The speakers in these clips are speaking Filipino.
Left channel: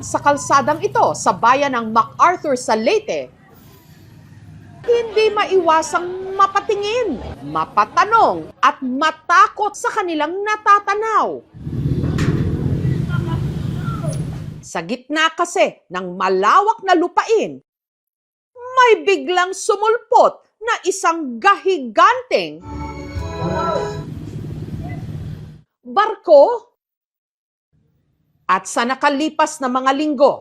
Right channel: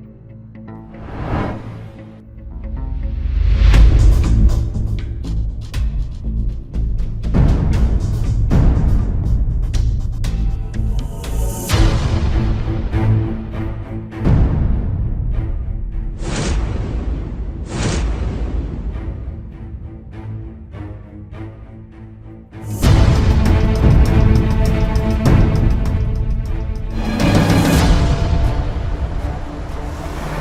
dumaan sa kalsadang ito sa bayan ng MacArthur sa Leyte, hindi maiwasang mapatingin, mapatanong at matakot sa kanilang natatanaw. Sa gitna kasi ng malawak na lupain, may biglang sumulpot na isang gahiganteng barko. At sa nakalipas na mga linggo,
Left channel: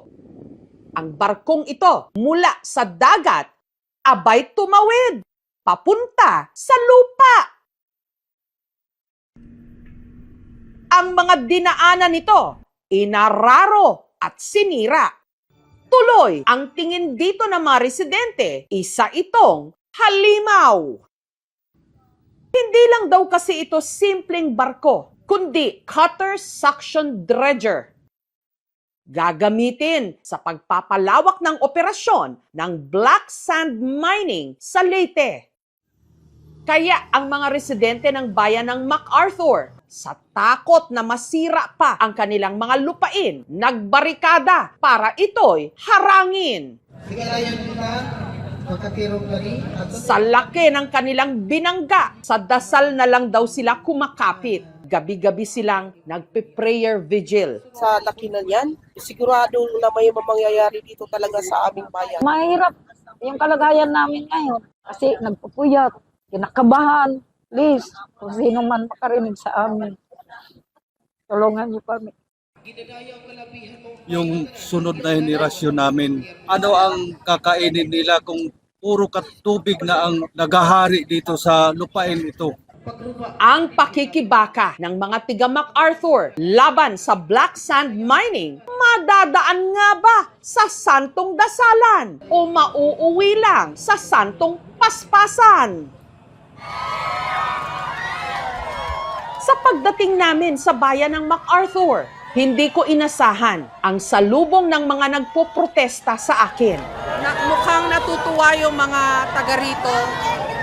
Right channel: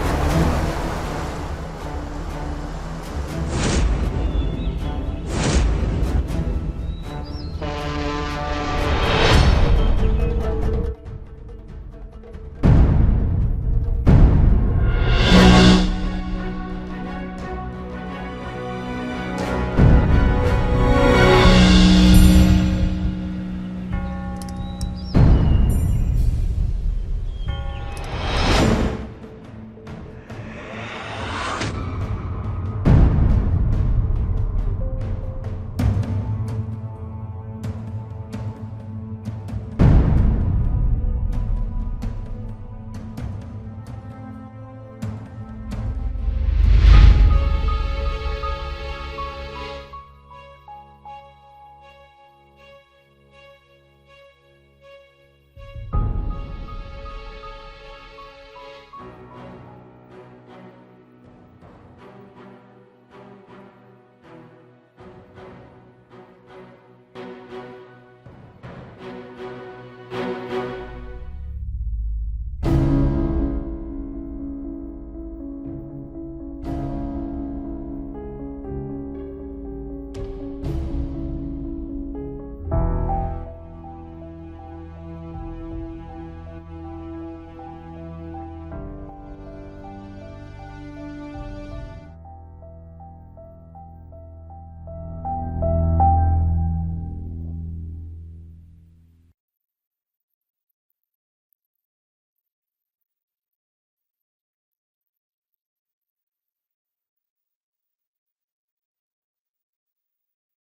ang barkong ito mula sa dagat abay tumawid papunta sa lupa. Ang mga dinaanan nito, inararo at sinira. Tuloy ang tingin dito ng mga residente, isa itong halimaw. Hindi lang daw kasi ito simpleng barko, kundi cutter suction dredger. Gagamitin sa pagpapalawak ng operasyon ng black sand mining sa Leyte. Kaya ang mga residente ng bayan ng MacArthur, sa takot na masira pa ang kanilang mga lupain, nagbarikada para ito'y harangin. Sa laki ng kanilang binangga, sa dasal na lang daw sila kumakapit. Gabi-gabi silang nagpe-prayer vigil. Sa laki na yan, sigurado na may mangyayari dito talaga sa aming bayan. Mahirap yung kalagayan namin ngayon kasi nagpupuyat, kinakabahan. Please, kung sino man makarinig sa amin, tulungan niyo kami. Yung sunod na henerasyon namin, ano ang kakainin nila kung puro tubig na ang nagahari dito sa lupain ito? Ang pakikibaka ng mga tiga MacArthur laban sa black sand mining, madadaan nga ba sa santong dasalan o mauuwi lang sa santong paspasan? Sa pagdating namin sa bayan ng MacArthur, hindi ko inasahan ang salubong ng mga nagpoprotesta sa akin. Mukhang natutuwa yung mga taga rito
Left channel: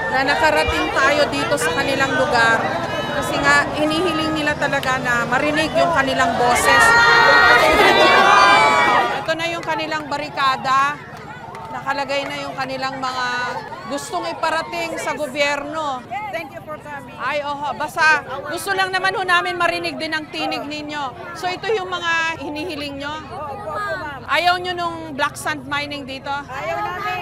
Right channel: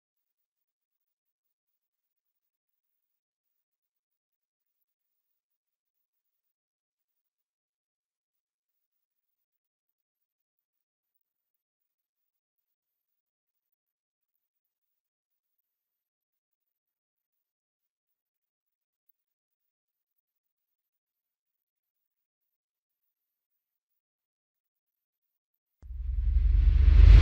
na nakarating tayo dito sa kanilang lugar kasi nga hinihiling nila talaga na marinig yung kanilang boses. Ito na yung kanilang barikada, nakalagay na yung kanilang mga gustong iparating sa gobyerno. Thank you for coming. Ay, basta gusto lang naman ho namin marinig din ang tinig ninyo. So ito yung mga hinihiling nyo? Ayaw nyo nung black sand mining dito? Ayaw namin.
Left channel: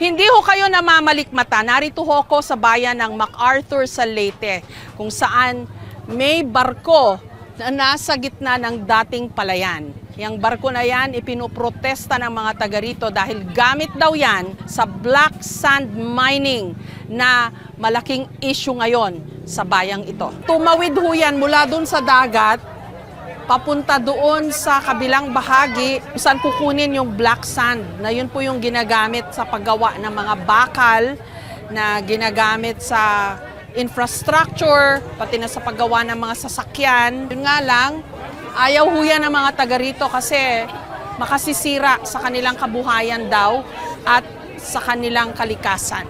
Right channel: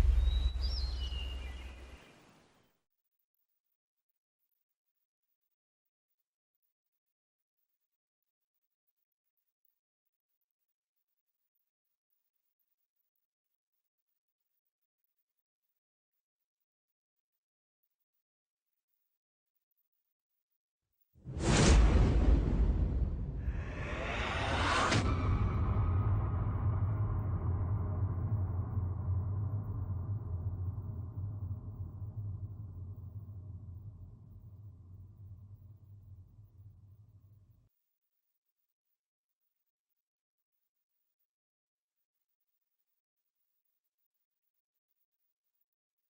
Hindi ho kayo namamalikmata. Narito ho ako sa bayan ng MacArthur sa Leyte, kung saan may barko na nasa gitna ng dating palayan. Yang barko na yan, ipinoprotesta ng mga taga rito dahil gamit daw yan sa black sand mining na malaking issue ngayon sa bayang ito. Tumawid ho yan mula doon sa dagat, papunta doon sa kabilang bahagi, saan kukunin yung black sand na yun po yung ginagamit sa paggawa ng mga bakal, na ginagamit sa infrastructure, pati na sa paggawa ng mga sasakyan. Yun nga lang, ayaw ho yan ng mga taga rito kasi makasisira sa kanilang kabuhayan daw at sa kanilang kalikasan.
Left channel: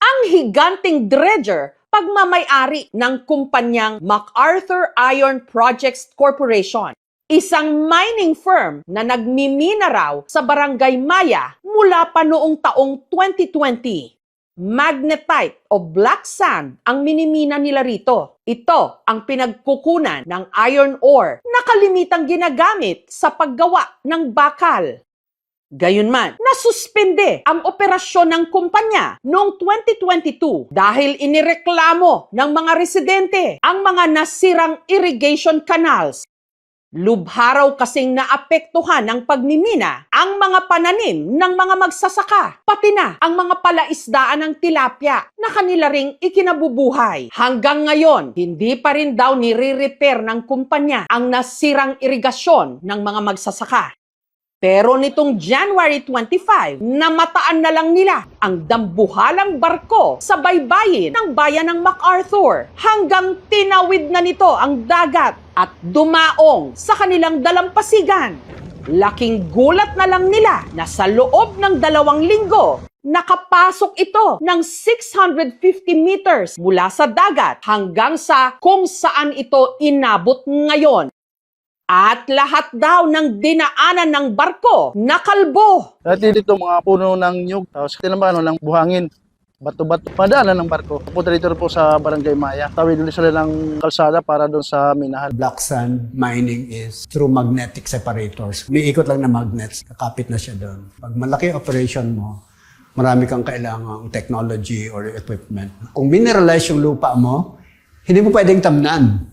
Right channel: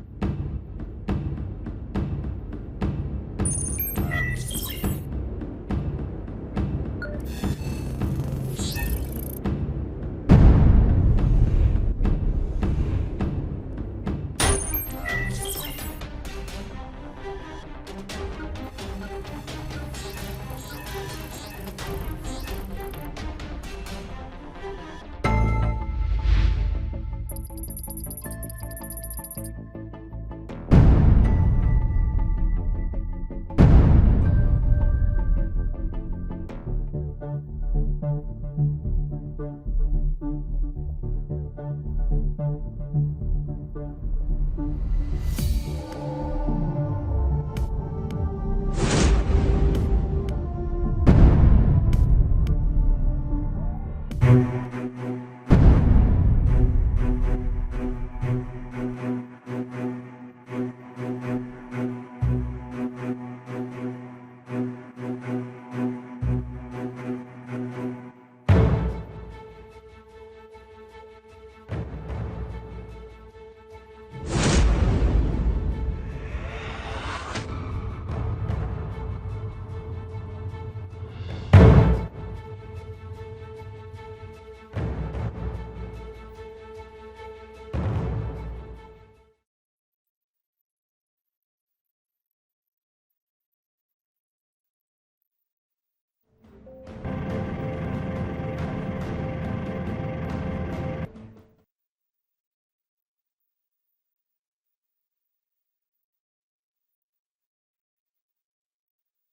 Ang higanting dredger, pagmamay-ari ng kumpanyang MacArthur Iron Projects Corporation, isang mining firm na nagmimina raw sa Barangay Maya mula pa noong taong 2020. Magnetite o black sand ang minimina nila rito. Ito ang pinagkukunan ng iron ore na kalimitang ginagamit sa paggawa ng bakal. Gayunman, nasuspende ang operasyon ng kumpanya noong 2022 dahil inireklamo ng mga residente ang mga nasirang irrigation canals. Lubha raw kasing naapektuhan ng pagmimina ang mga pananim ng mga magsasaka, pati na ang mga palaisdaan ng tilapia na kanila ring ikinabubuhay. Hanggang ngayon, hindi pa rin daw nire-repair ng kumpanya ang nasirang irigasyon ng mga magsasaka. Pero nitong January 25, namataan na lang nila ang dambuhalang barko sa baybayin ng bayan ng MacArthur hanggang tinawid na nito ang dagat at dumaong sa kanilang dalampasigan. Laking gulat na lang nila na sa loob ng 2 linggo, nakapasok ito ng 650 meters mula sa dagat hanggang sa kung saan ito inabot ngayon. At lahat daw ng dinaanan ng barko nakalbo. Dati dito mga puno ng nyug, tapos tinamano ng buhangin, bato-bato, padaanan ng barko. Pupunta dito po sa Barangay Maya. Tawid ulit sila ng kalsada para doon sa minahan. Black sand mining is through magnetic separators. Umiikot lang na magnets, kapit na siya doon. Pag malaki operation mo, marami kang kailangang technology or equipment. Kung mineralize yung lupa mo, hindi mo pwedeng tamnan.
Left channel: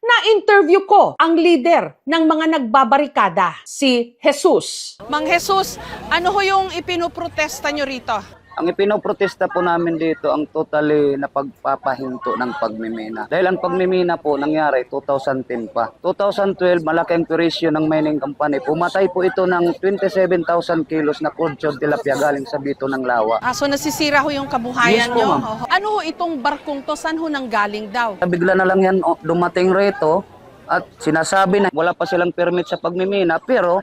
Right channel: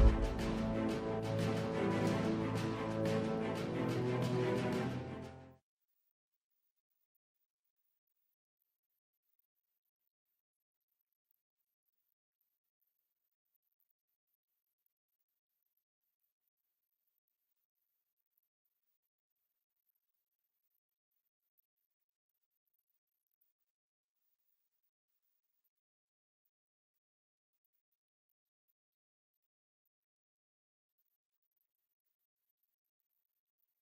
Na-interview ko ang leader ng mga nagbabarikada, si Jesus. Mang Jesus, ano ho yung ipinoprotesta nyo rito? Ang ipinoprotesta po namin dito ang totally na pagpapahinto ng pagmimina. Dahil ang pagmimina po nangyari 2010 pa. 2012, malaki ang turisyo ng mining company. Pumatay po ito ng 27,000 kilos na crude tilapia galing sa Bito ng Lawa. So nasisira ho yung kabuhayan Yes po, nyo? ma'am. Oho. Ano ho itong barkong to? Saan ho nanggaling daw? Bigla na lang yan dumating rito at sinasabi na wala pa silang permit sa pagmimina, pero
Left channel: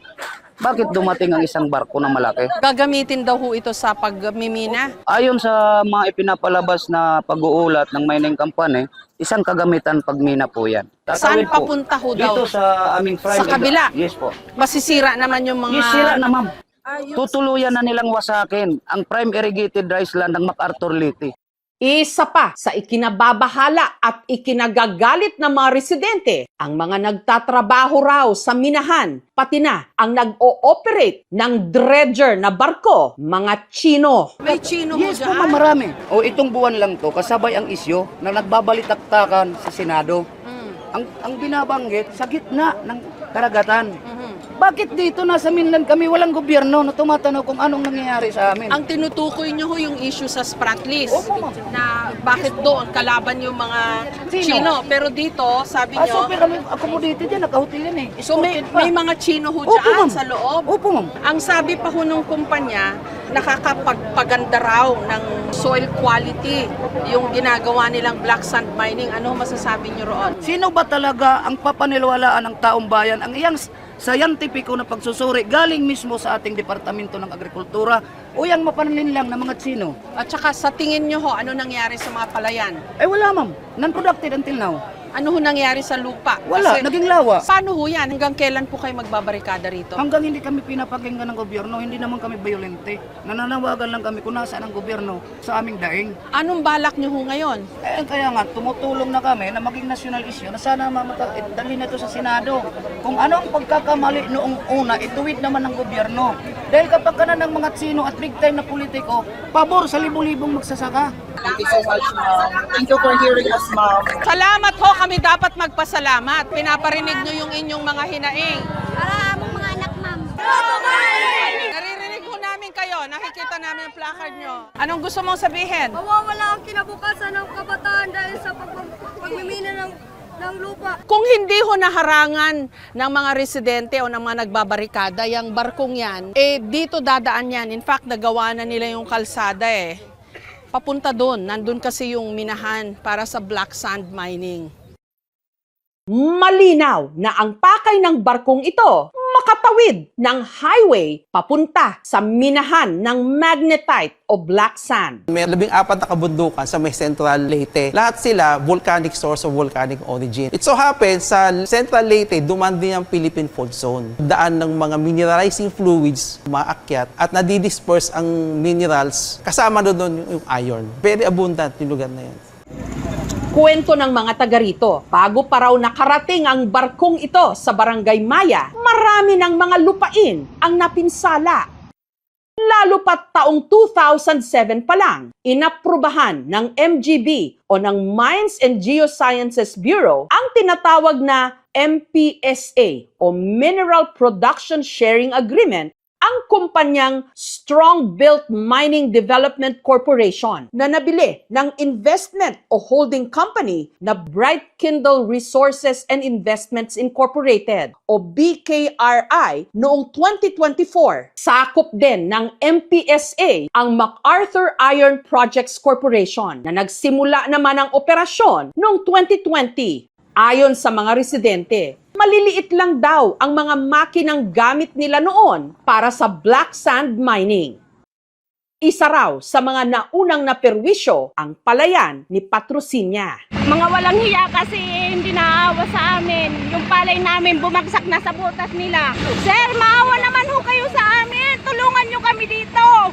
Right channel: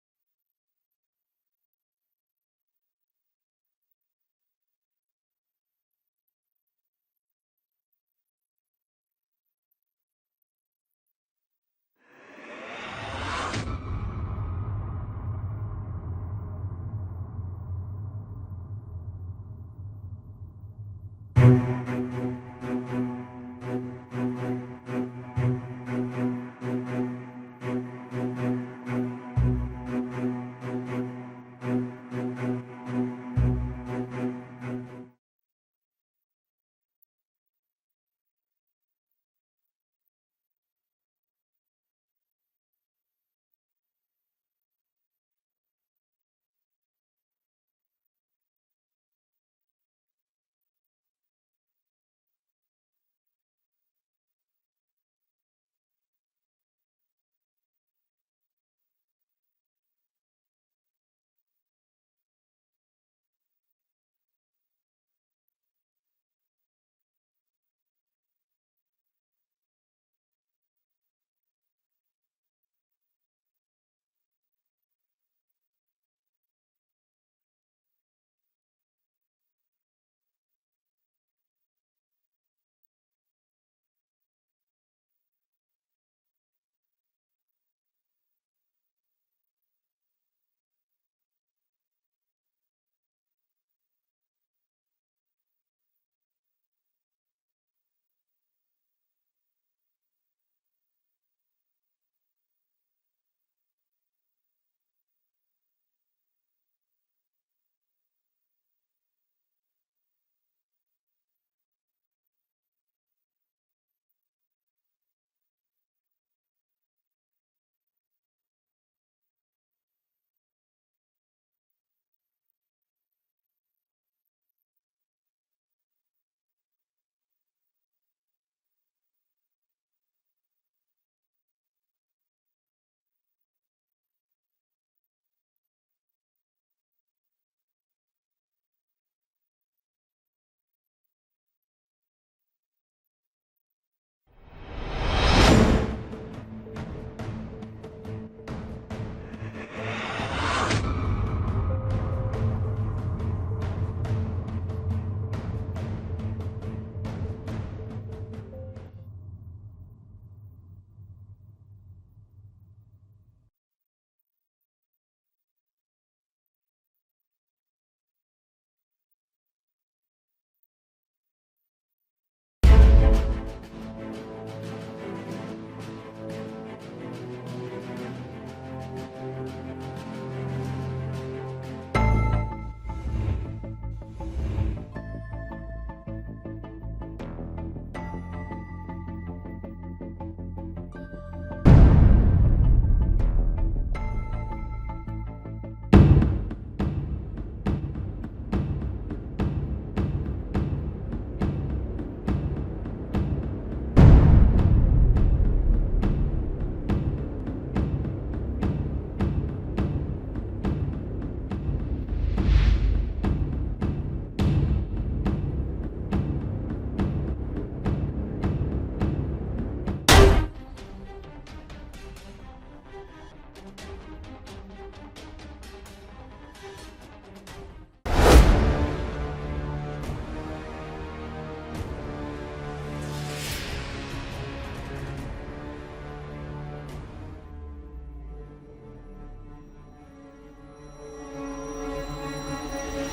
bakit dumating ang isang barko na malaki? Gagamitin daw ho ito sa pagmimina? Ayon sa mga ipinapalabas na pag-uulat ng mining company, isang kagamitan pagmina po yan. Saan Tatawid po papunta ho daw? dito sa aming prime. Sa kabila? Yes po. Masisira naman yung mga... Yes, sila na ma'am. Tutuluyan na nilang wasakin ang prime irrigated rice land ng MacArthur Liti. Isa pa sa ikinababahala at ikinagagalit ng mga residente, ang mga nagtatrabaho raw sa minahan, pati na ang nag-o-operate ng dredger na barko, mga Chino. May Chino ho Yes po dyan? ma'am, marami. O itong buwan lang to, kasabay ang isyo na nagbabalitaktakan sa Senado. Ang binabanggit sa gitna ng karagatan. Bakit dito nasa mainland kami walang gobyerno na tumatanong kung anong nangyayari sa amin? Ang tinutukoy nyo ho yung issue sa Spratlys. Opo, ma'am. Na bakit doon kalaban yung mga Sino? Chino. Pero dito, sabi So, nyo, pero kami accommodated yan, nakahotel yan eh. so may Escorted pa. mga Chino ho Opo, dyan ma'am. sa loob. Opo ma'am. Ang sabi pa ho nung kumpanya, nakakapagpaganda raw ng soil quality yung ginagawa nilang black sand mining. Ano ho masasabi nyo roon? Sino ba talaga ang papaniwalaan ng taong bayan? Ang iyang scientifico na pagsusuri galing mismo sa ating Departamento ng Agrikultura o yung mapanlinlang na mga Chino? At saka sa tingin nyo ho, ano nangyari sa mga palayan? Eh wala ma'am, non-productive until now. Ano ho nangyari sa lupa? Wala, Kasi, naging lawa. paano ho yan? Hanggang kailan po kayo magbabarikada rito? Hanggang hindi kami pinapakinggan ng gobyerno, hindi naman kami violente. Nananawagan lang kami kung nasaan ang gobyerno sa aming daing. Anong balak nyo ho ngayon? Eh kaya nga, tumutulong na kami na maging national issue na sana dalhin na ito sa Senado. Kung ano ang pagkakamali noong una, ituwid naman ng gobyerno. Dahil kapag ka na ng mga Chino at big time na politiko, pabor sa libo-libong magsasaka. Thank you so much, ma'am. Thank you for hearing us, ma'am. Salamat ho, kami dapat magpasalamat. Pinaparinig nyo yung inyong mga hinaing. Para among mga anak, ma'am. Naririnig ho namin kayo, nakikita namin ang placard nyo. Anong gusto mong sabihin? Mawawala ang kinabukasan ng kabataan dahil sa pagmimina ng lupa. Kung hindi ho naharangan ng mga residente o ng mga nagbabarikada, yung barkong yan, eh dito dadaan yan. In fact, nagawa na nila yung kalsada eh. Papunta doon, nandun kasi yung minahan para sa black sand mining. Malinaw na ang pakay ng barkong ito makatawid ng highway papunta sa minahan ng magnetite o black sand. May 14 na kabundukan sa may Central Leyte. Lahat sila volcanic source o volcanic origin. It so happens sa Central Leyte, duman din ang Philippine Fault Zone. Daan ng mga mineralizing fluids, maakyat, at nadidisperse ang minerals. Kasama doon yung iron. Very abundant yung lugar na yan. Kwento ng mga taga rito, bago pa raw nakarating ang barkong ito sa Barangay Maya, marami ng mga lupain ang napinsala. Lalo pat taong 2007 pa lang, inaprubahan ng MGB o ng Mines and Geosciences Bureau ang tinatawag na MPSA o Mineral Production Sharing Agreement ang kumpanyang Strong Built Mining Development Corporation na nabili ng investment o holding company na Bright Kindle Resources and Investments Incorporated o BKRI noong 2024. Sakop din ng MPSA ang MacArthur Iron Projects Corporation na nagsimula naman ang operasyon noong 2020. Ayon sa mga residente, maliliit lang daw ang mga makinang gamit nila noon para sa black sand mining. Isa raw sa mga naunang naperwisyo ang palayan ni Patrocinia. Mga walang hiya kasi hindi naawa sa amin. Yung palay namin bumagsak na sa butas nila. Sir, maawa naman ho kayo sa amin. Tulungan nyo kami dito.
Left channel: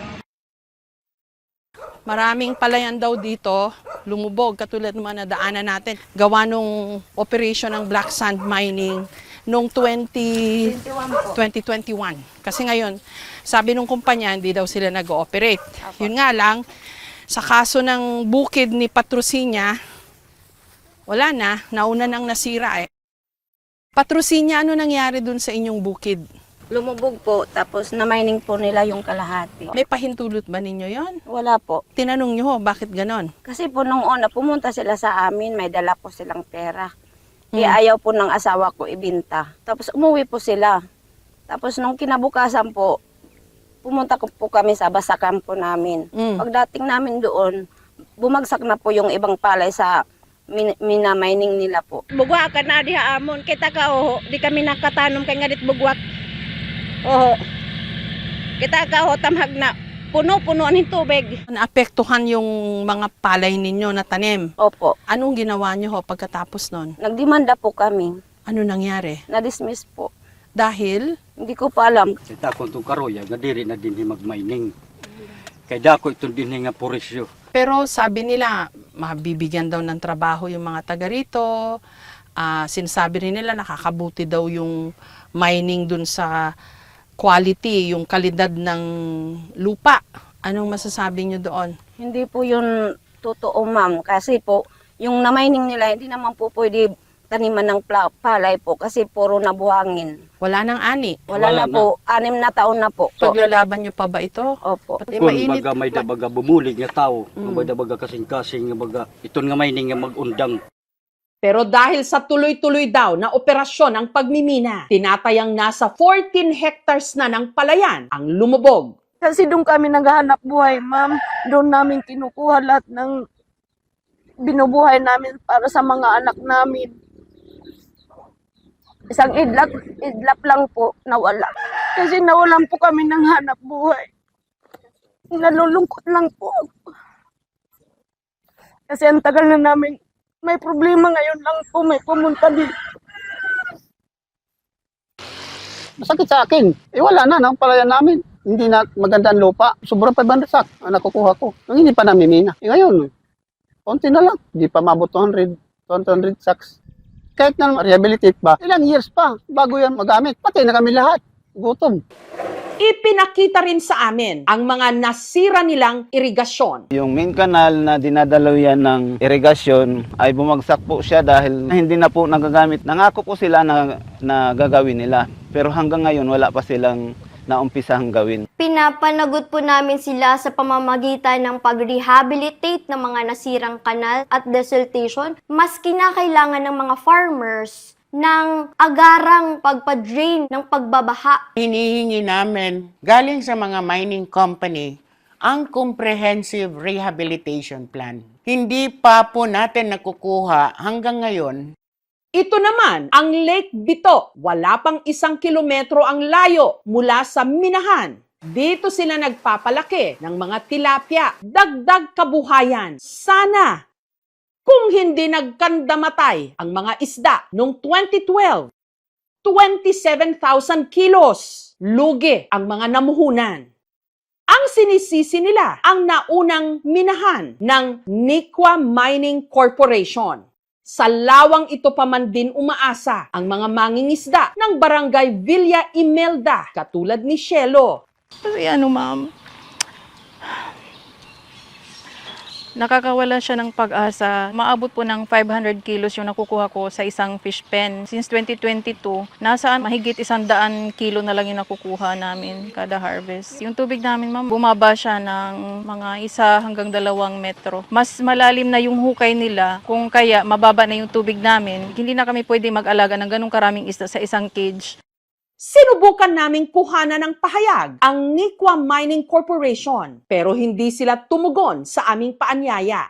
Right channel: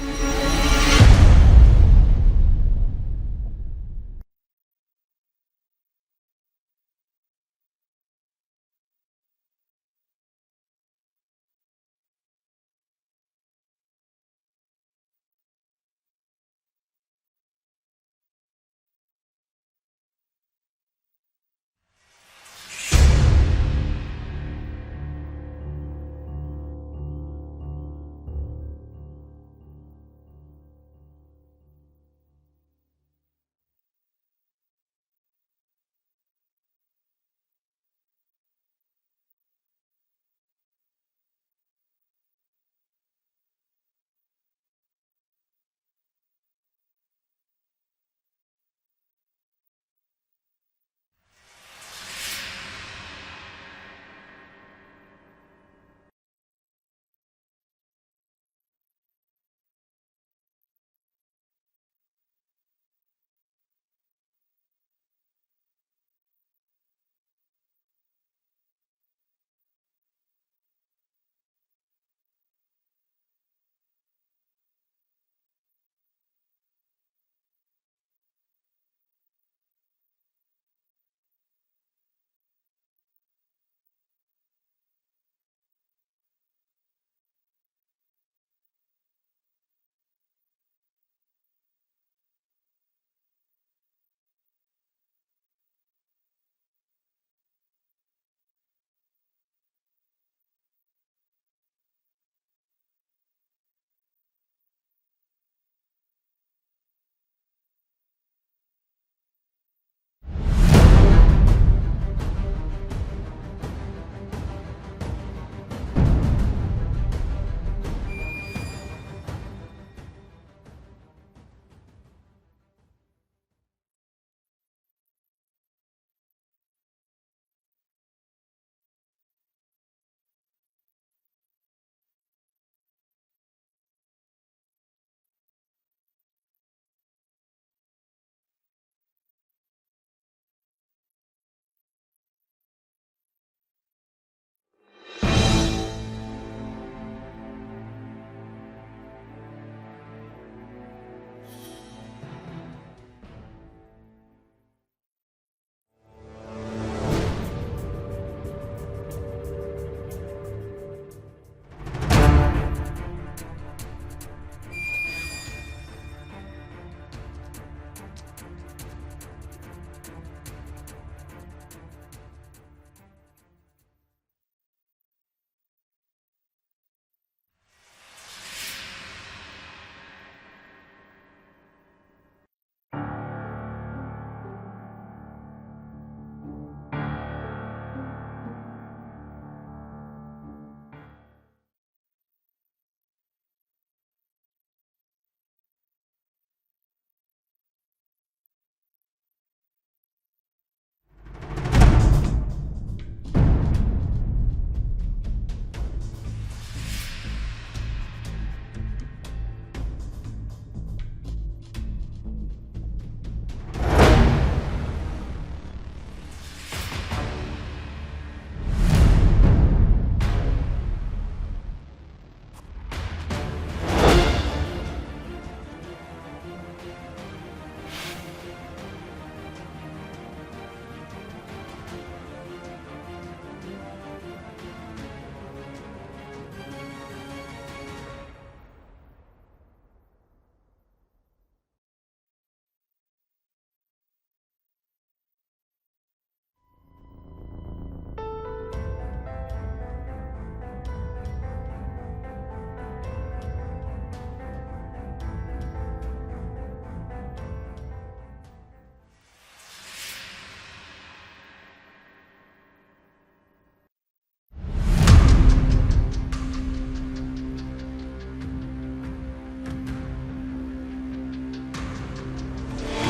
Maraming palayan daw dito, lumubog, katulad ng mga nadaanan natin. Gawa nung operation ng black sand mining noong 2021. Kasi ngayon, sabi nung kumpanya, hindi daw sila nag-ooperate. Yun nga lang, sa kaso ng bukid ni Patrocinia, wala na, nauna nang nasira eh. Patrocinia, ano nangyari dun sa inyong bukid? Lumubog po, tapos na-mining po nila yung kalahati. May pahintulot ba ninyo yon? Wala po. Tinanong nyo, bakit ganon? Kasi po nung una, pumunta sila sa amin, may dala po silang pera. Ayaw po ng asawa ko ibinta. Tapos umuwi po sila. Tapos nung kinabukasan po, pumunta po kami sa basakan po namin. Pagdating namin doon, bumagsak na po yung ibang palay sa mina-mining nila po. Bugwa ka na di haamon, kita ka di kami nakatanom kay ngadit bugwak. Kita ka tamhag na puno-puno ng tubig. Naapektuhan yung mga palay ninyo na tanim. Opo. Anong ginawa nyo pagkatapos nun? Nagdemanda po kami. Ano nangyari? Na-dismiss po. Dahil? Hindi ko pa alam. Kita ko itong karoya, nga diri na din mag-mining. Kaya dako itong din nga purisyo. Pero sabi nila, mabibigyan daw ng trabaho yung mga taga rito. Sinasabi rin nila, nakakabuti daw yung mining dun sa quality, yung kalidad ng lupa. Anong masasabi nyo doon? Hindi po yun totoo, ma'am. Kasi po, yung na-mining nila, hindi naman po pwede taniman ng palay po kasi puro nabuhangin. Wala nang ani? Wala na po. 6 na taon na po. Paglalaban nyo pa ba ito? Opo. Kung baga may dabaga bumulig nga tao, may dabaga kasing-kasing nga baga, iton nga mining nga mag-undang. Pero dahil sa tuloy-tuloy daw na operasyon ng pagmimina, tinatayang nasa 14 hectares na ng palayan ang lumubog. Kasi doon kami naghahanap buhay, ma'am. Doon namin kinukuha lahat ng binubuhay namin para sa mga anak namin. Isang idlap lang po nawala. Kasi nawalan po kami ng hanap buhay. Nalulungkot lang po. Kasi ang tagal na namin may problema, ngayon lang po may pumunta dito. Masakit sa akin. Wala na, ang palayan namin. Hindi na magandang lupa. Sobrang 500 sak ang nakukuha ko. Nang hindi pa namimina. Ngayon, konti na lang. Hindi pa mabot 200 sacks. Kahit na rehabilitate ba, ilang years pa bago yan magamit. Patay na kami lahat. Gutom. Ipinakita rin sa amin ang mga nasira nilang irigasyon. Yung main canal na dinadalaw yan ng irigasyon ay bumagsak po siya dahil hindi na po nagagamit. Nangako po sila na gagawin nila. Pero hanggang ngayon wala pa silang naumpisahang gawin. Pinapanagot po namin sila sa pamamagitan ng pag-rehabilitate ng mga nasirang kanal at desiltation. Mas kinakailangan ng mga farmers ng agarang pagpa-drain ng pagbabaha. Hinihingi namin galing sa mga mining company ang comprehensive rehabilitation plan. Hindi pa po natin nakukuha hanggang ngayon. Ito naman ang Lake Bito. Wala pang 1 kilometro ang layo mula sa minahan. Dito sila nagpapalaki ng mga tilapia. Dagdag kabuhayan. Sana kung hindi nagkandamatay ang mga isda noong 2012. 27,000 kilos. Lugi ang mga namuhunan. Ang sinisisi nila ang naunang minahan ng Nikwa Mining Corporation. Sa lawang ito pa man din umaasa ang mga mangingisda ng barangay Villa Imelda, katulad ni Shelo. Kasi ma'am, nakakawala siya ng pag-asa. Maabot po ng 500 kilos yung nakukuha ko sa isang fish pen. Since 2022, nasaan mahigit 100 kilo na lang yung nakukuha namin kada harvest. Yung tubig namin, ma'am, bumaba siya ng mga 1 hanggang 2 metro. Mas malalim na yung hukay nila, kung kaya mababa na yung tubig namin. Hindi na kami pwede mag-alaga ng ganung karaming isda sa isang cage. Sinubukan naming kuhanan ng pahayag ang Nikwa Mining Corporation pero hindi sila tumugon sa aming paanyaya.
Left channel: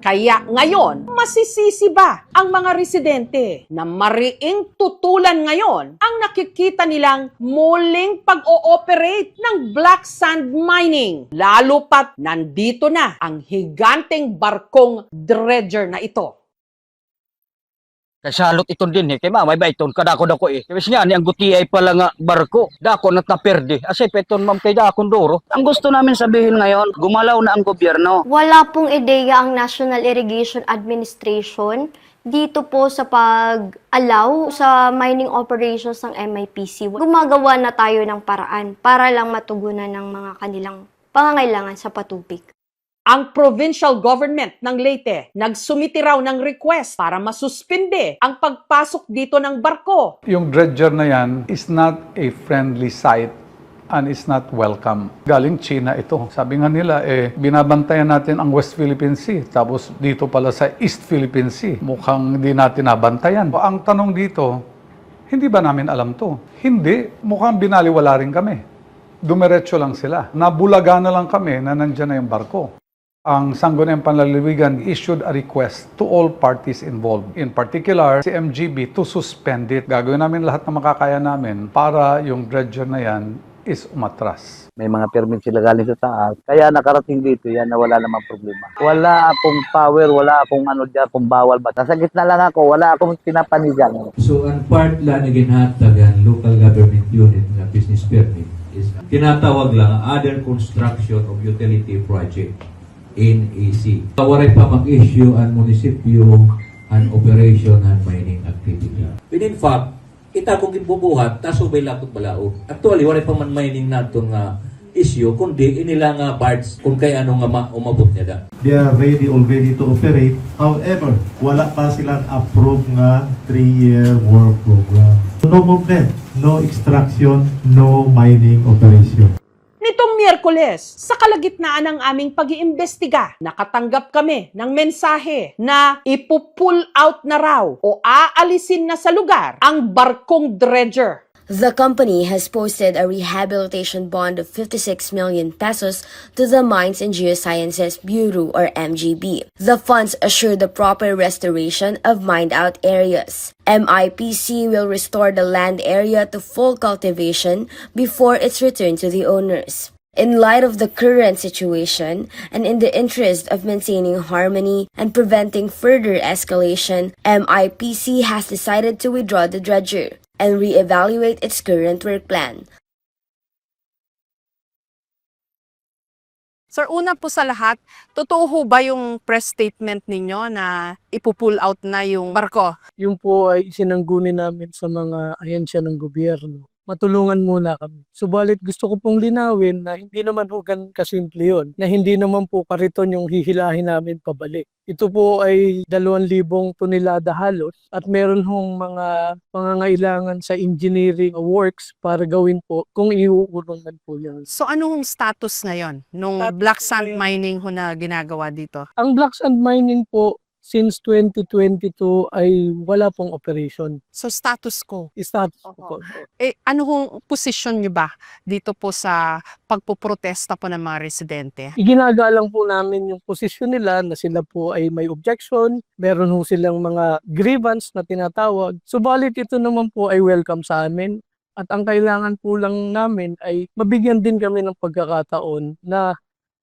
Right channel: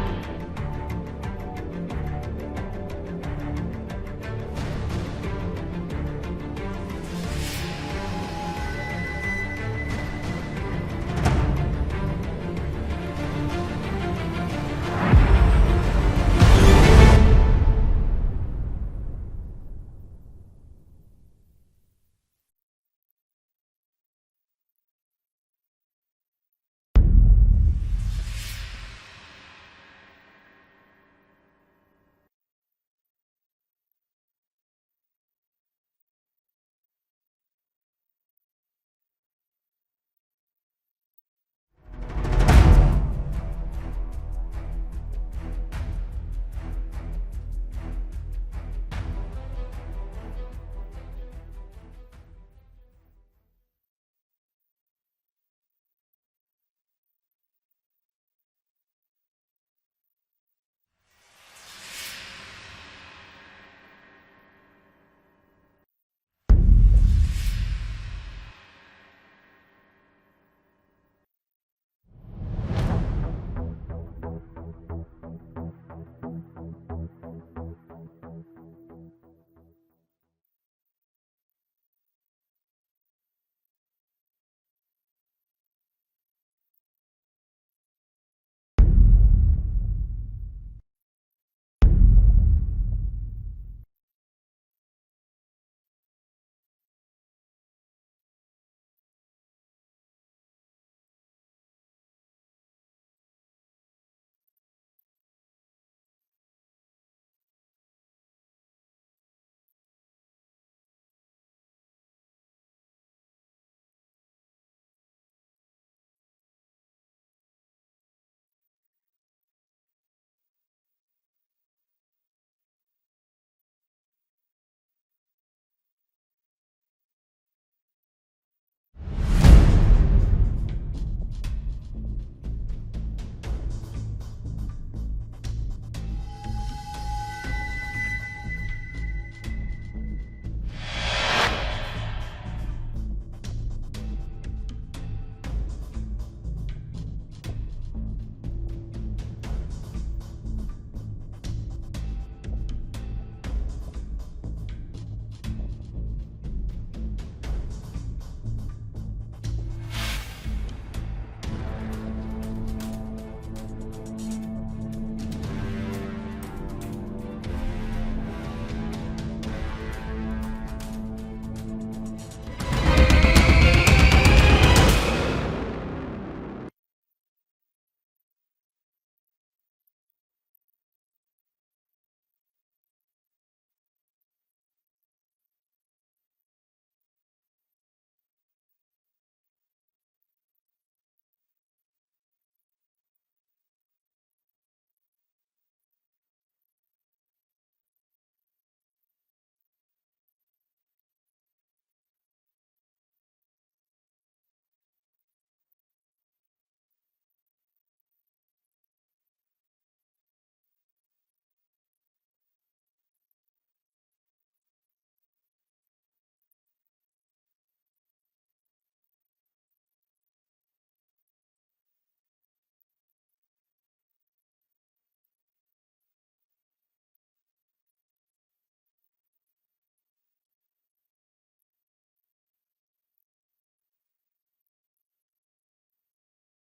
Kaya ngayon, masisisi ba ang mga residente na mariing tutulan ngayon ang nakikita nilang muling pag-ooperate ng black sand mining? Lalo pat nandito na ang higanteng barkong dredger na ito. Kasalot iton din kay mamay ba iton kadako dako Kasi nga ni ang gutiyay pala nga barko. Dako na taperde. Asay peton ma'am kay dakon doro. Ang gusto namin sabihin ngayon, gumalaw na ang gobyerno. Wala pong ideya ang National Irrigation Administration dito po sa pag-allow sa mining operations ng MIPC. Gumagawa na tayo ng paraan para lang matugunan ng mga kanilang pangangailangan sa patubig. Ang provincial government ng Leyte nagsumiti raw ng request para masuspinde ang pagpasok dito ng barko. Yung dredger na yan is not a friendly sight and is not welcome. Galing China ito. Sabi nga nila, binabantayan natin ang West Philippine Sea. Tapos dito pala sa East Philippine Sea. Mukhang hindi natin nabantayan. Ang tanong dito, hindi ba namin alam to? Hindi. Mukhang binaliwala rin kami. Dumiretso lang sila. Nabulaga na lang kami na nandyan na yung barko. Ang Sangguniang Panlalawigan issued a request to all parties involved. In particular, si MGB to suspend it. Gagawin namin lahat ng makakaya namin para yung dredger na yan is umatras. May mga permit sila galing sa taas. Kaya nakarating dito yan na wala namang problema. Wala akong power, wala akong ano dyan, kung bawal ba. Nasa gitna lang ako, wala akong pinapanigan. So, ang part lang na ginhatagan local government unit na business permit is tinatawag lang other construction of utility project. NEC. Waray pa mag-issue ang munisipyo an operation and mining activity. But in fact, kita kung gibubuhat, tasubay lakot balaod. Actually, waray pa man mining nato nga issue, kundi inila nga bards kung kay ano nga umabot niya da. They are ready already to operate. However, wala pa silang approve nga 3-year work program. No movement, no extraction, no mining operation. Nitong Miyerkules, sa kalagitnaan ng aming pag-iimbestiga, nakatanggap kami ng mensahe na ipupull out na raw o aalisin na sa lugar ang barkong dredger. The company has posted a rehabilitation bond of 56 million pesos to the Mines and Geosciences Bureau or MGB. The funds assure the proper restoration of mined-out areas. MIPC will restore the land area to full cultivation before its return to the owners. In light of the current situation, and in the interest of maintaining harmony and preventing further escalation, MIPC has decided to withdraw the dredger and re-evaluate its current work plan. Sir, una po sa lahat, totoo ho ba yung press statement ninyo na ipupull out na yung barko? Yung po ay sinangguni namin sa mga ahensya ng gobyerno. Matulungan muna kami. Subalit gusto ko pong linawin na hindi naman ho ganun kasimple yun. Na hindi naman po kariton yung hihilahin namin pabalik. Ito po ay 2,000 tonelada halos at meron hong mga pangangailangan sa engineering works para gawin po kung iuurungan po yan. So anong status ngayon nung black sand mining ho na ginagawa dito? Ang black sand mining po since 2022 ay wala pong operation. So status quo? Status quo. Ano hong posisyon nyo ba dito po sa pagpoprotesta po ng mga residente? Iginagalang po namin yung posisyon nila na sila po ay may objection, meron ho silang mga grievance na tinatawag. Subalit ito naman po ay welcome sa amin at ang kailangan po lang namin ay mabigyan din kami ng pagkakataon na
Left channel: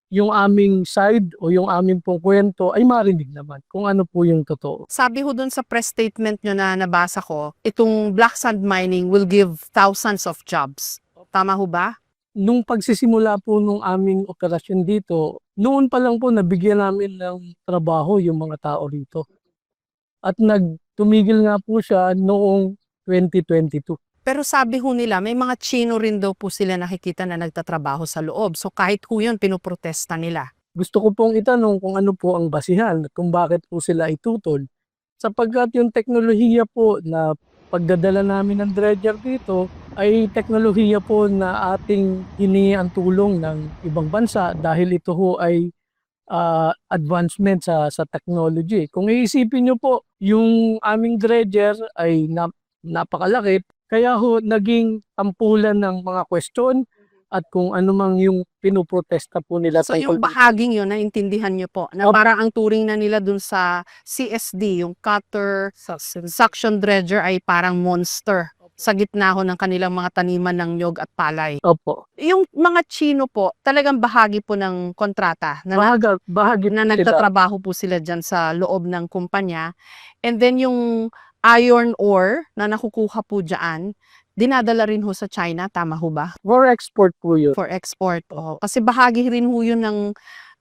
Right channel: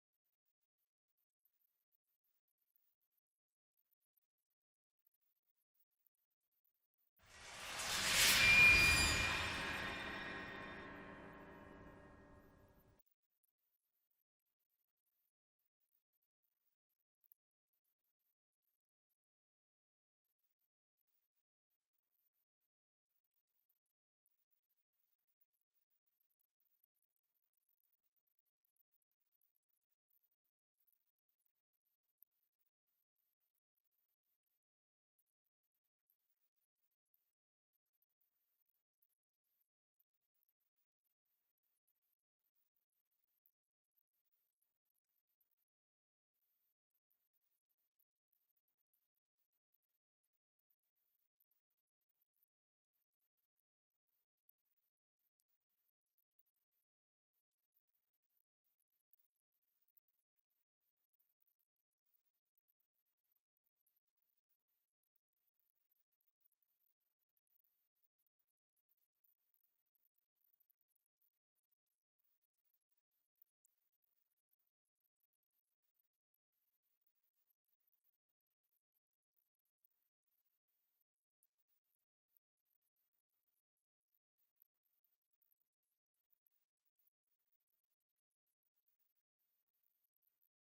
yung aming side o yung aming pong kwento ay marinig naman kung ano po yung totoo. Sabi ho dun sa press statement nyo na nabasa ko, itong black sand mining will give thousands of jobs. Tama ho ba? Nung pagsisimula po nung aming operasyon dito, noon pa lang po nabigyan namin ng trabaho yung mga tao rito. At nagtumigil nga po siya noong 2022. Pero sabi ho nila, may mga Chino rin daw po sila nakikita na nagtatrabaho sa loob. So kahit ho yun, pinoprotesta nila. Gusto ko pong itanong kung ano po ang basihan, kung bakit po sila itutol. Sapagkat yung teknolohiya po na pagdadala namin ng dredger dito ay teknolohiya po na ating hiningi ang tulong ng ibang bansa dahil ito ho ay advancement sa technology. Kung iisipin nyo po, yung aming dredger ay napakalaki. Kaya ho, naging tampulan ng mga question at kung ano mang yung pinoprotesta po nila So tungkol yung bahaging yun, naintindihan nyo po, na parang ang turing na nila dun sa CSD, yung cutter, suction dredger ay parang monster sa gitna ho ng kanilang mga taniman ng nyog at palay. Opo. Yung mga Chino po, talagang bahagi po ng kontrata na, Bahagi na sila. nagtatrabaho po sila dyan sa loob ng kumpanya. And then yung iron ore na nakukuha po dyan, dinadala rin ho sa China, tama ho ba? For export po yun. For export, oh. Kasi bahagi rin ho yun ng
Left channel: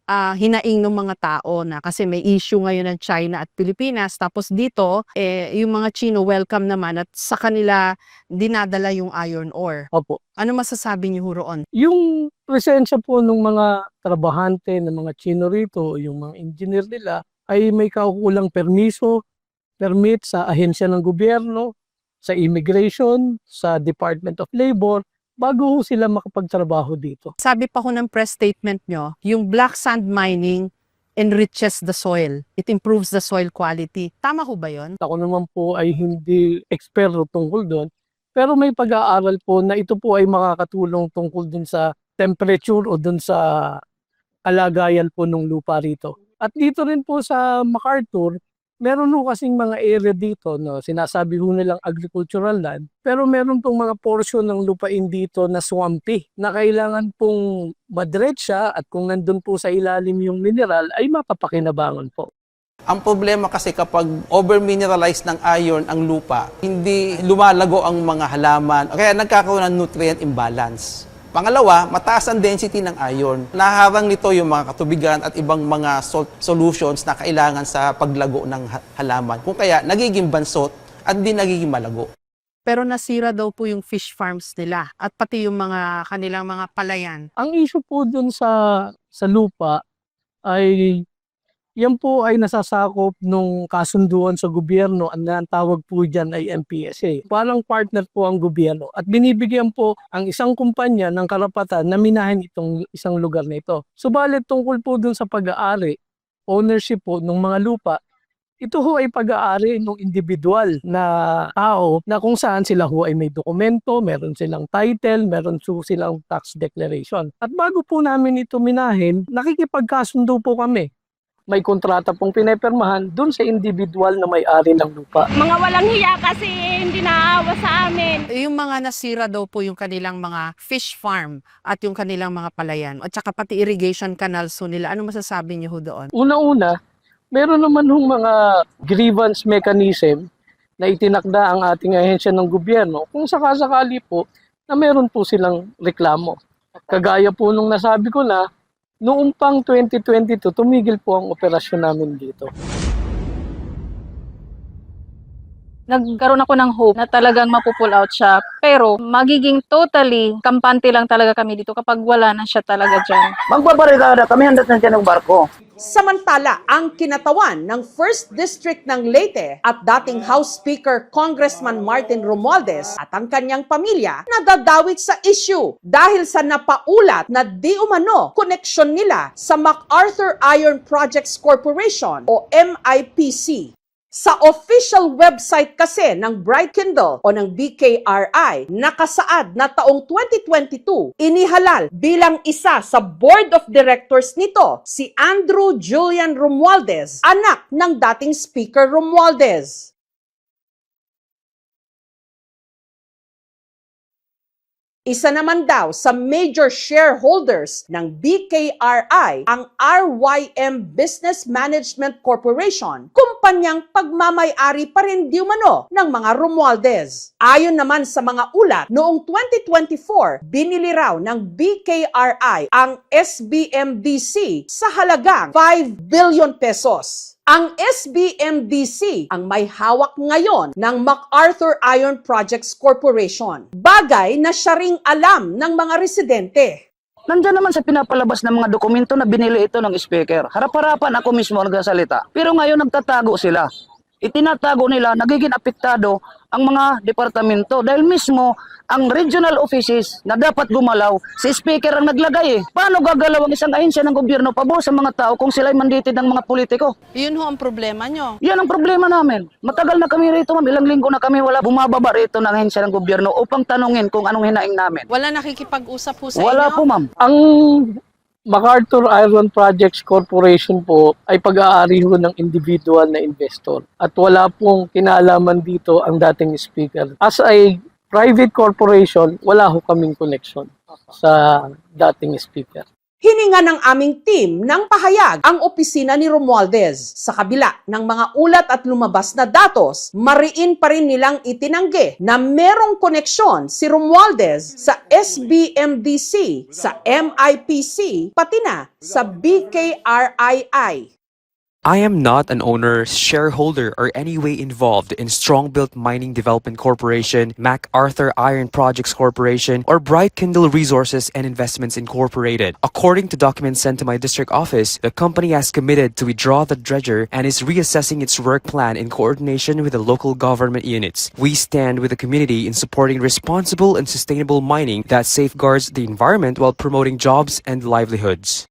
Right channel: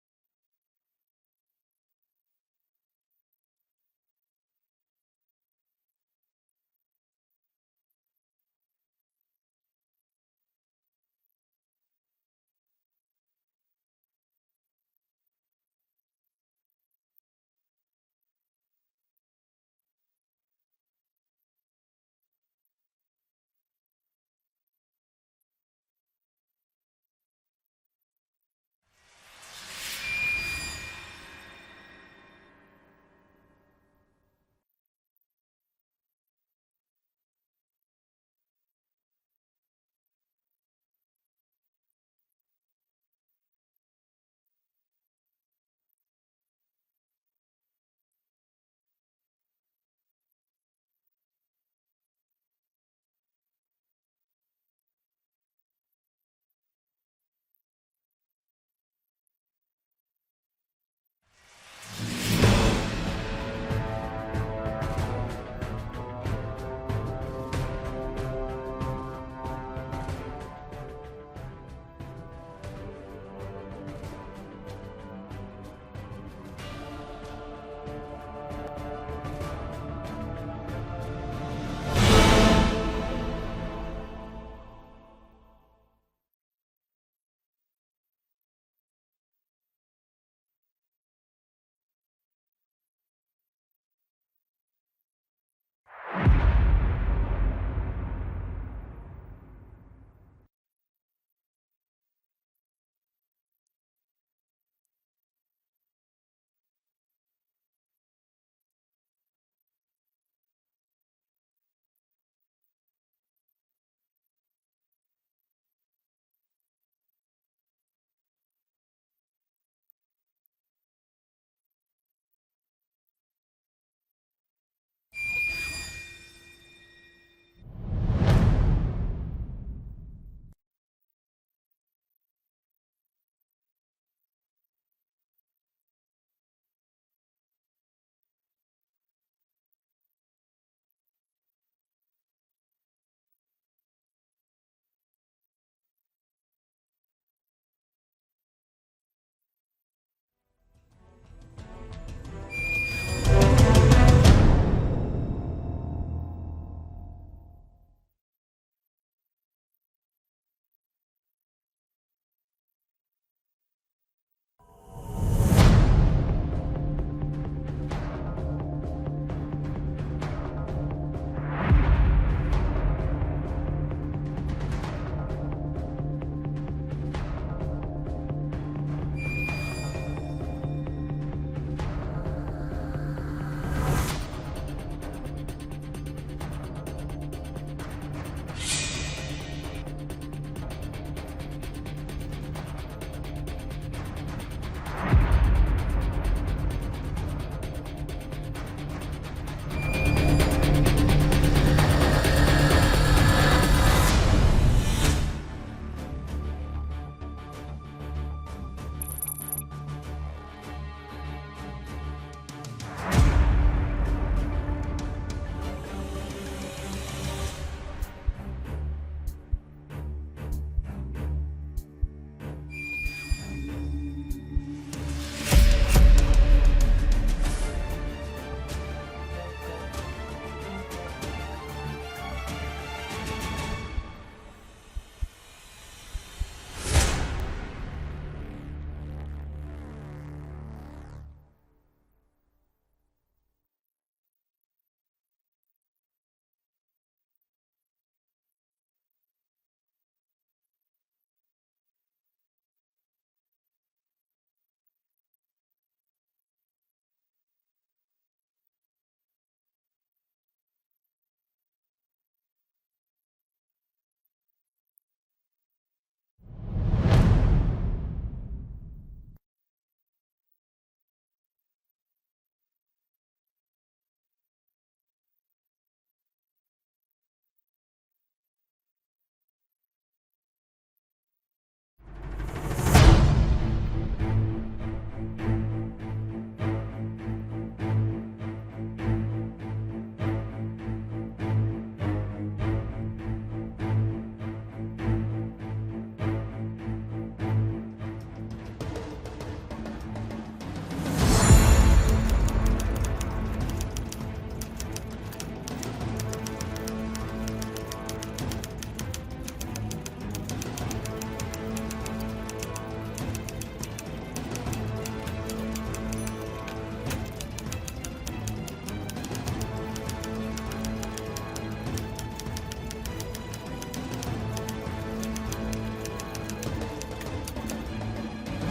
hinaing ng mga tao na kasi may issue ngayon ng China at Pilipinas. Tapos dito, yung mga Chino welcome naman at sa kanila dinadala yung iron ore. Opo. Ano masasabi niyo ho roon? Yung presensya po ng mga trabahante ng mga Chino rito, yung mga engineer nila, ay may kaukulang permit sa ahensya ng gobyerno, sa immigration, sa Department of Labor, bago sila makapagtrabaho dito. Sabi pa ho ng press statement nyo, yung black sand mining enriches the soil. It improves the soil quality. Tama ho ba yun? Ako naman po ay hindi eksperto tungkol doon, pero may pag-aaral po na ito po ay makakatulong tungkol dun sa temperature o dun sa kalagayan po ng lupa rito. At dito rin po sa MacArthur, meron ho kasing mga area dito, no, sinasabi ho nilang agricultural land, pero meron pong mga portion ng lupain dito na swampy, na kailangan pong madretsa at kung nandun po sa ilalim yung mineral ay mapapakinabangan po. Ang problema kasi kapag over-mineralized ng iron ang lupa, hindi lumalago ang mga halaman, kaya nagkakaroon ng nutrient imbalance. Pangalawa, mataas ang density ng iron. Naharang nito yung mga katubigan at ibang mga solutions na kailangan sa paglago ng halaman. Kung kaya, nagiging bansot at di nagiging malago. Pero nasira daw po yung fish farms nila at pati yung mga kanilang mga palayan. Ang issue po dun sa lupa ay yan po ay nasasakop nung kasunduan sa gobyerno. Ang tawag po dyan ay NPSA. Parang partner po ang gobyerno at binibigyan po ang isang kumpanya ng karapatan na minahin itong isang lugar na ito. Subalit tungkol po dun sa pag-aari, ownership po ng mga lupa, ito ho ay pag-aari ng individual na tao na kung saan sila ho ay may dokumento, meron silang title, meron silang tax declaration. At bago po namin ito minahin, nakikipagkasundo po kami. May kontrata pong pinipirmahan dun sa individual na may-ari ng lupa. Mga walang hiya kasi hindi naawa sa amin. Yung mga nasira daw po yung kanilang mga fish farm at yung kanilang mga palayan at saka pati irrigation canals ho nila. Ano masasabi niyo ho doon? Una-una, meron naman hong mga grievance mechanism na itinakda ang ating ahensya ng gobyerno kung sakasakali po na meron po silang reklamo. Kagaya po nung nasabi ko na, noong pang 2022, tumigil po ang operasyon namin dito. Nagkaroon ako ng hope na talagang mapupull out siya. Pero magiging totally kampante lang talaga kami dito kapag wala na siya talaga dyan. Magbabarikada kami, handat na dyan ng barko. Samantala, ang kinatawan ng 1st District ng Leyte at dating House Speaker Congressman Martin Romualdez at ang kanyang pamilya nadadawit sa issue dahil sa napaulat na di umano koneksyon nila sa MacArthur Iron Projects Corporation o MIPC. Sa official website kasi ng Bright Kindle o ng BKRI, nakasaad na taong 2022, inihalal bilang isa sa board of directors nito si Andrew Julian Romualdez, anak ng dating Speaker Romualdez. Isa naman daw sa major shareholders ng BKRI ang RYM Business Management Corporation, kumpanyang pagmamay-ari pa rin di umano ng mga Romualdez. Ayon naman sa mga ulat, noong 2024, binili raw ng BKRI ang SBMDC sa halagang 5 billion pesos. Ang SBMDC ang may hawak ngayon ng MacArthur Iron Projects Corporation. Bagay na siya ring alam ng mga residente. Nandiyan naman sa pinapalabas ng mga dokumento na binili ito ng speaker. Harap-harapan ako mismo nagsasalita. Pero ngayon nagtatago sila. Itinatago nila, nagiging apektado ang mga departamento dahil mismo ang regional offices na dapat gumalaw, si speaker ang naglagay eh. Paano gagalaw ang isang ahensya ng gobyerno pabor sa mga tao kung sila'y mandated ng mga politiko? Yun ho ang problema nyo. Yan ang problema namin. Matagal na kami rito, ma'am. Ilang linggo na kami wala bumababa rito ng ahensya ng gobyerno upang tanungin kung anong hinaing namin. Wala nakikipag-usap po sa Wala inyo? po, ma'am. Ang MacArthur Iron Projects Corporation po ay pag-aari ho ng individual na investor at wala pong kinalaman dito ang dating speaker. As a private corporation, wala ho kaming connection sa dating speaker. Hininga ng aming team ng pahayag ang opisina ni Romualdez. Sa kabila ng mga ulat at lumabas na datos, mariin pa rin nilang itinanggi na merong koneksyon si Romualdez sa SBMDC, sa MIPC, pati na sa BKRII. I am not an owner, shareholder, or any way involved in Strongbuilt Mining Development Corporation, MacArthur Iron Projects Corporation, or Bright Kindle Resources and Investments Incorporated. According to documents sent to my district office, the company has committed to withdraw the dredger and is reassessing its work plan in coordination with the local government units. We stand with the community in supporting responsible and sustainable mining that safeguards the environment while promoting jobs and livelihoods.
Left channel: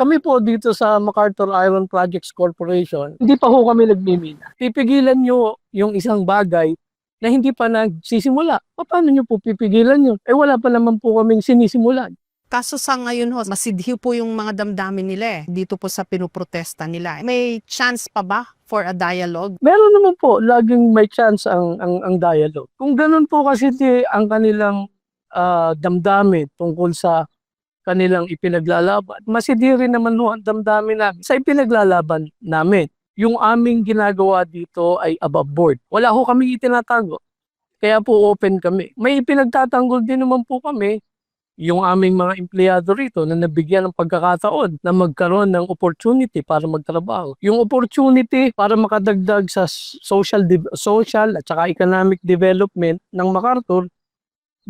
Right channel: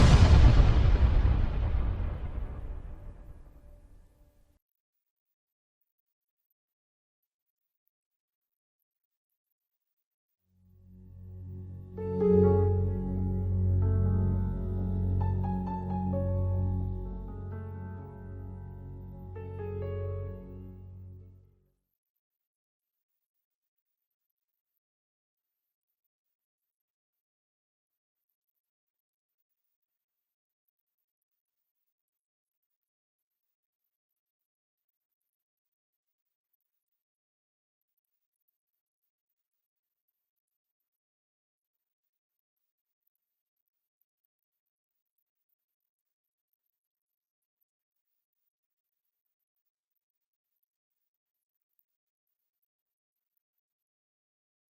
Kami po dito sa MacArthur Iron Projects Corporation, hindi pa ho kami nagmimina. Pipigilan nyo yung isang bagay na hindi pa nagsisimula. Paano nyo po pipigilan yun? Eh wala pa naman po kaming sinisimulan. Kaso sa ngayon ho, masidhiw po yung mga damdamin nila dito po sa pinuprotesta nila. May chance pa ba for a dialogue? Meron naman po, laging may chance ang dialogue. Kung ganun po kasi ang kanilang damdamin tungkol sa kanilang ipinaglalaban, masidiri naman ho ang damdamin namin sa ipinaglalaban namin. Yung aming ginagawa dito ay above board. Wala ho kami itinatago. Kaya po open kami. May ipinagtatanggol din naman po kami yung aming mga empleyado rito na nabigyan ng pagkakataon na magkaroon ng opportunity para magtrabaho. Yung opportunity para makadagdag sa social at saka economic development ng MacArthur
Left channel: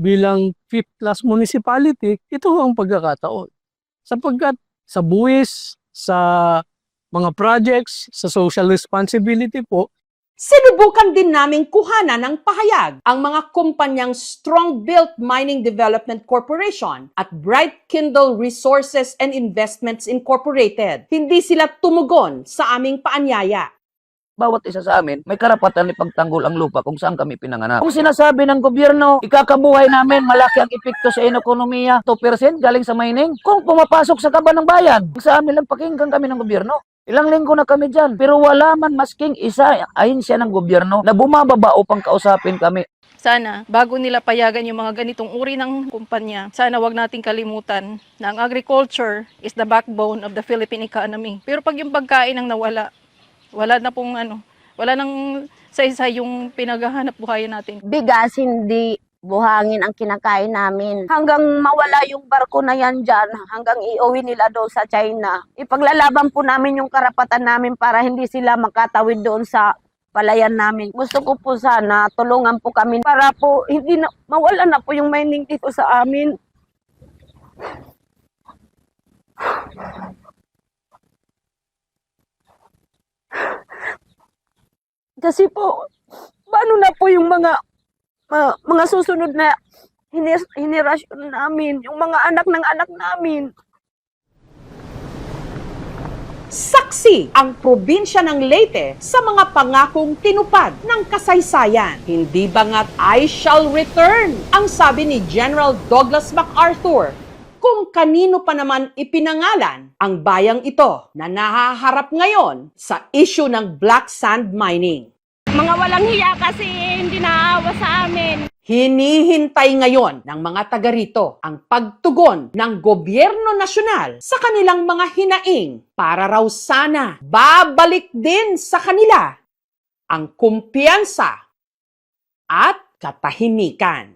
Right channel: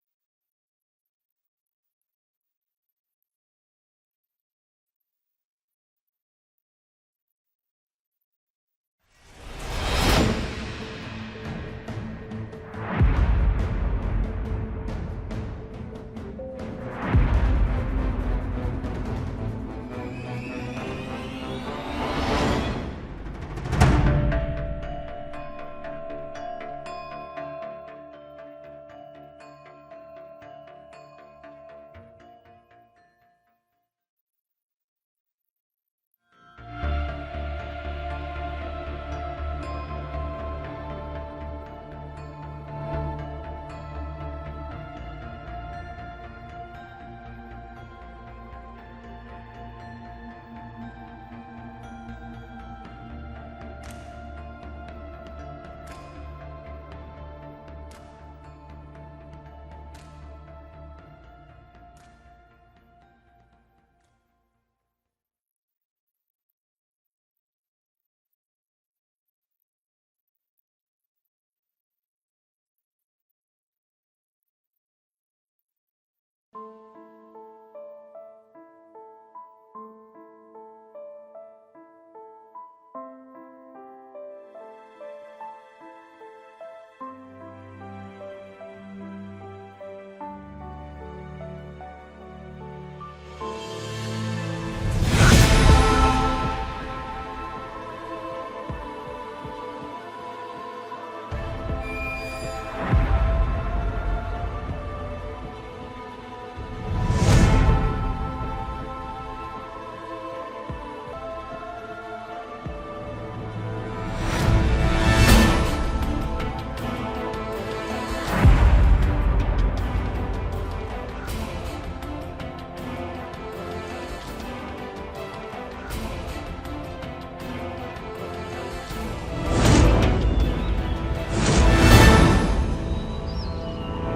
bilang 5th class municipality, ito ang pagkakataon. Sapagkat sa buwis, sa mga projects, sa social responsibility po, Sinubukan din naming kuhanan ng pahayag ang mga kumpanyang Strongbuilt Mining Development Corporation at Bright Kindle Resources and Investments Incorporated. Hindi sila tumugon sa aming paanyaya. Bawat isa sa amin, may karapatan ipagtanggol ang lupa kung saan kami pinanganak. Kung sinasabi ng gobyerno, ikakabuhay namin, malaki ang epekto sa ekonomiya, 2% galing sa mining. Kung pumapasok sa kaban ng bayan, sa amin lang pakinggan kami ng gobyerno. Ilang linggo na kami dyan, pero wala man masking isa ahensya ng gobyerno na bumababa upang kausapin kami. Sana, bago nila payagan yung mga ganitong uri ng kumpanya, sana wag nating kalimutan na ang agriculture is the backbone of the Philippine economy. Pero pag yung pagkain ang nawala, wala na pong wala nang sa yung pinaghahanap buhayan natin. Bigas, hindi buhangin ang kinakain namin. Hanggang mawala yung barko na yan dyan, hanggang iuwi nila doon sa China. Ipaglalaban po namin yung karapatan namin para hindi sila makatawid doon sa palayan namin. Gusto ko po sana tulungan po kami para po hindi na, mawala na po yung mining dito sa amin. Kasi po, paano na po yung mga susunod na henerasyon namin, yung mga anak ng anak namin. Saksi ang probinsya ng Leyte sa mga pangakong tinupad ng kasaysayan. Hindi bangat I shall return, ang sabi ni General Douglas MacArthur. Kung kanino pa naman ipinangalan ang bayang ito na nahaharap ngayon sa issue ng black sand mining. Mga walang hiya kasi hindi naawa sa amin. Hinihintay ngayon ng mga taga rito ang pagtugon ng gobyerno nasyonal sa kanilang mga hinaing para raw sana babalik din sa kanila ang kumpiyansa at katahimikan.